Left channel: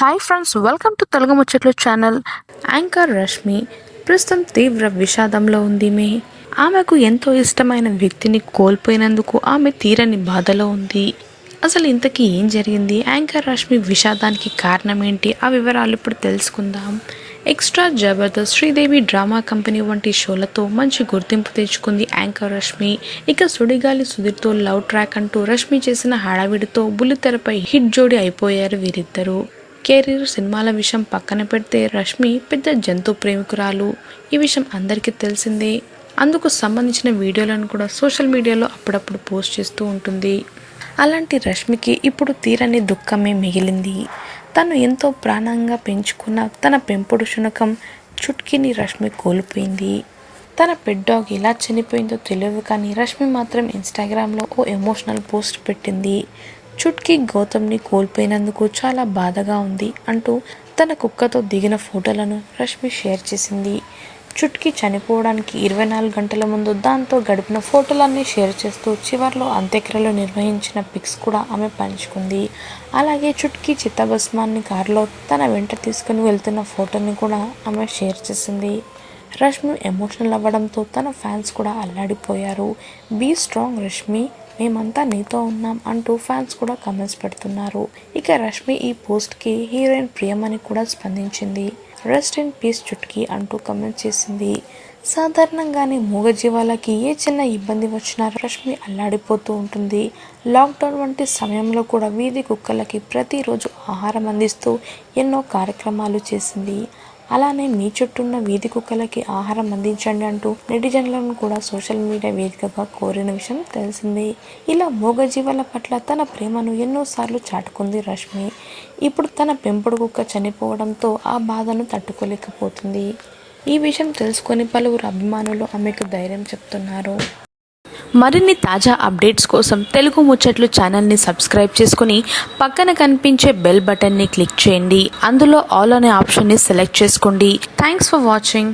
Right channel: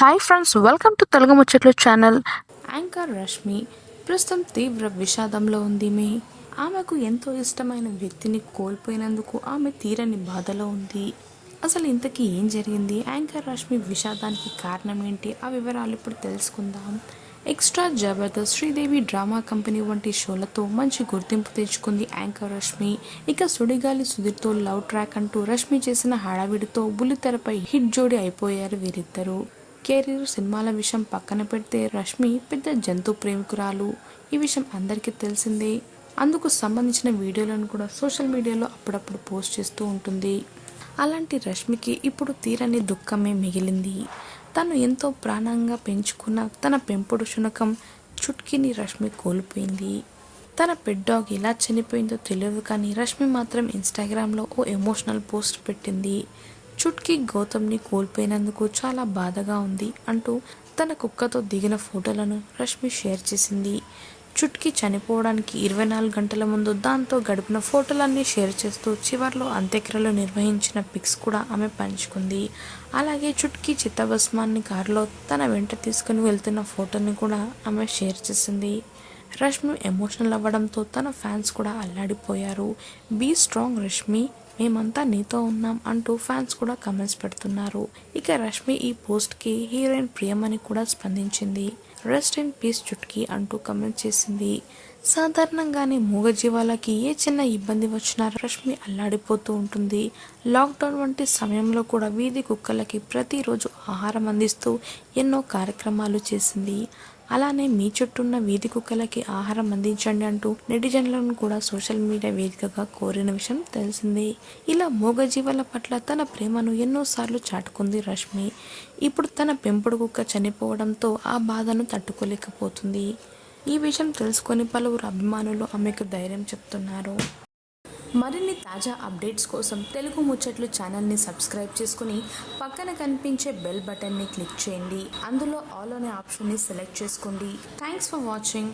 Hi friends, welcome to Telugu ముచ్చట్లు channel. Anchor Rashmi ప్రస్తుతం తీవ్ర విషాదంలో ఉంది. ఆమెకు ఎంతో ఇష్టమైన వ్యక్తిని కోల్పోయినందుకు ఆమె తీరని బాధలో ఉంది. అసలు ఇంతకీ ఏం జరిగింది, యాంకర్ రష్మి విషాదానికి కారణం ఏంటి, ఆ వివరాలు ఇప్పుడు తెలుసుకుందాం. Extra Jabardasth, Sridevi drama company వంటి షోలతో మంచి గుర్తింపు తెచ్చుకుంది యాంకర్ రష్మి. ఇక సుడిగాలి సుధీర్తో లవ్ ట్రాక్ అంటూ రష్మి చేసిన హడావిడితో బుల్లితెరపై హిట్ జోడి అయిపోయారు వీరిద్దరూ. కెరీర్, సినిమాల విషయం పక్కన పెడితే రష్మి పెద్ద జంతు ప్రేమికురాలు. ఈ విషయం అందరికీ తెలిసిందే. అందుకు సంబంధించిన వీడియోలను కూడా సోషల్ మీడియాలో అప్పుడప్పుడు పోస్ట్ చేస్తూ ఉంటుంది. అలాంటి రష్మికి ఇప్పుడు తీరని దుఃఖమే మిగిలింది. తను ఎంతో ప్రాణంగా పెంచుకున్న తన పెంపుడు శునకం చుట్కీని రష్మి కోల్పోయింది. తన పెట్ డాగ్ ఎలా చనిపోయిందో తెలియదు, కానీ రష్మి మాత్రం ఇన్స్టాగ్రామ్లో ఓ ఎమోషనల్ పోస్ట్ పెట్టింది. చుట్కీ గౌతమ్ని కోల్పోయినందుకు చాలా బాధగా ఉంది అంటూ తన కుక్కతో దిగిన ఫోటోలను రష్మి షేర్ చేసింది. చుట్కీ చనిపోవడానికి 24 గంటల ముందు దాంతో గడిపిన ఫోటోలన్నీ షేర్ చేస్తూ చివర్లో అంత్యక్రియలు నిర్వహించిన పిక్స్ కూడా ఆమె పంచుకుంది. అలాగే చుట్కీ చిత్తభస్మాన్ని కారులో తన వెంట తీసుకుని వెళ్తున్న ఫోటోని కూడా ఆమె షేర్ చేసింది. రష్మి ఎమోషనల్ అవ్వడంతో తన ఫ్యాన్స్ కూడా అల్లాడిపోయారు. బీ స్ట్రాంగ్ రష్మి, మేమంతా నీతో ఉన్నాం అంటూ ఫ్యాన్స్ కూడా కమెంట్స్ పెడుతున్నారు. ఇక రష్మి ఈ పోస్ట్కి హీరోయిన్ ప్రియమణి కూడా స్పందించింది. రెస్ట్ ఇన్ పీస్ చుట్కీ అంటూ కమెంట్ చేసింది. సాధారణంగానే మూగజీవాలకి ఏ చిన్న ఇబ్బంది వచ్చినా రష్మి అల్లాడిపోతూ ఉంటుంది. లాక్డౌన్ వంటి సమయంలో కూడా వీధి కుక్కలకి ప్రతిరోజు ఆహారం అందిస్తూ ఎన్నో కార్యక్రమాలు చేసింది. అలానే మీ చుట్టూన్న వీధి కుక్కలకి ఆహారం అందించండి అంటూ నెటిజన్లను కూడా సోషల్ మీడియా వేదికగా కోరిన విషయం తెలిసిందే. ఇలా మూగజీవాల పట్ల తన ప్రేమను ఎన్నోసార్లు చాటుకుంది రష్మి. ఇప్పుడు తన పెంపుడు కుక్క చనిపోవడంతో ఆ బాధను తట్టుకోలేకపోతుంది. ఈ విషయం తెలుసుకొని పలువురు అభిమానులు ఆమెకు ధైర్యం చెప్తున్నారు. మరిన్ని తాజా అప్డేట్స్ కోసం తెలుగు ముచ్చట్లు ఛానల్ని సబ్స్క్రైబ్ చేసుకుని పక్కన కనిపించే బెల్ బటన్ని క్లిక్ చేయండి. అందులో ఆల్ అనే ఆప్షన్ని సెలెక్ట్ చేసుకోండి. Thanks for watching.